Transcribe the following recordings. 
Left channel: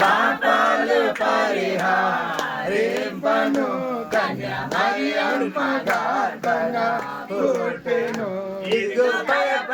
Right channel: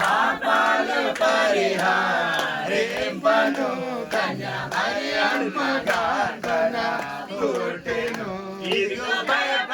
పాపాలు పరిహారింపను కన్య మరి అల్పగార్పణ పుట్టెను. ఇది భయప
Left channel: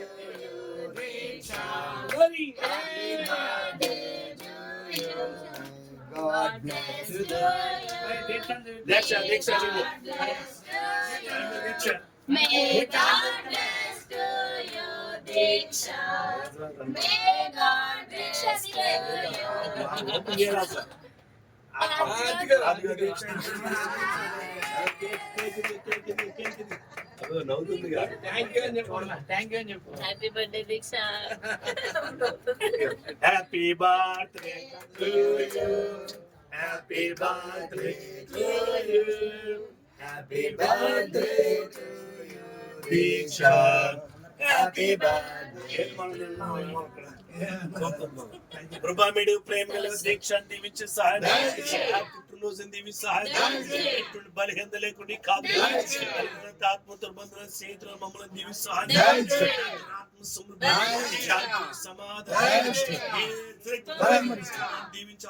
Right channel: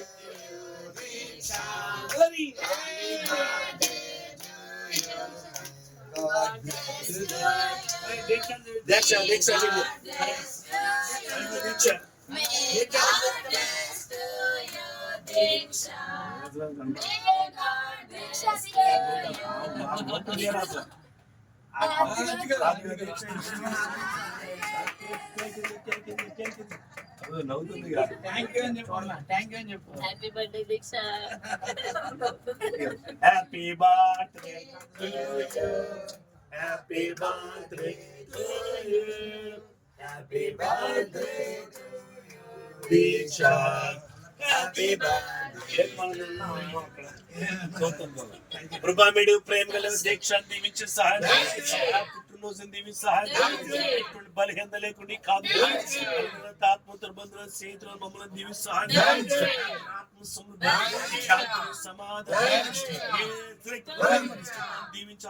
Charlie. Happy birthday to you. God bless you. Next time, next time. Next time. May God bless to you, Diksha. May God bless to you. Happy birthday. Happy birthday. Happy birthday to you happy birthday to you happy birthday to you Deeksha happy birthday కృపామిడి ప్రేమ గల దీక్ష దీవించి సహాయం. పుట్టినరోజు దీవించి సహాయం. బలహీనత లేకుండా కాదు స్నేహితులు మమ్మల్ని సమాధానం దీవించి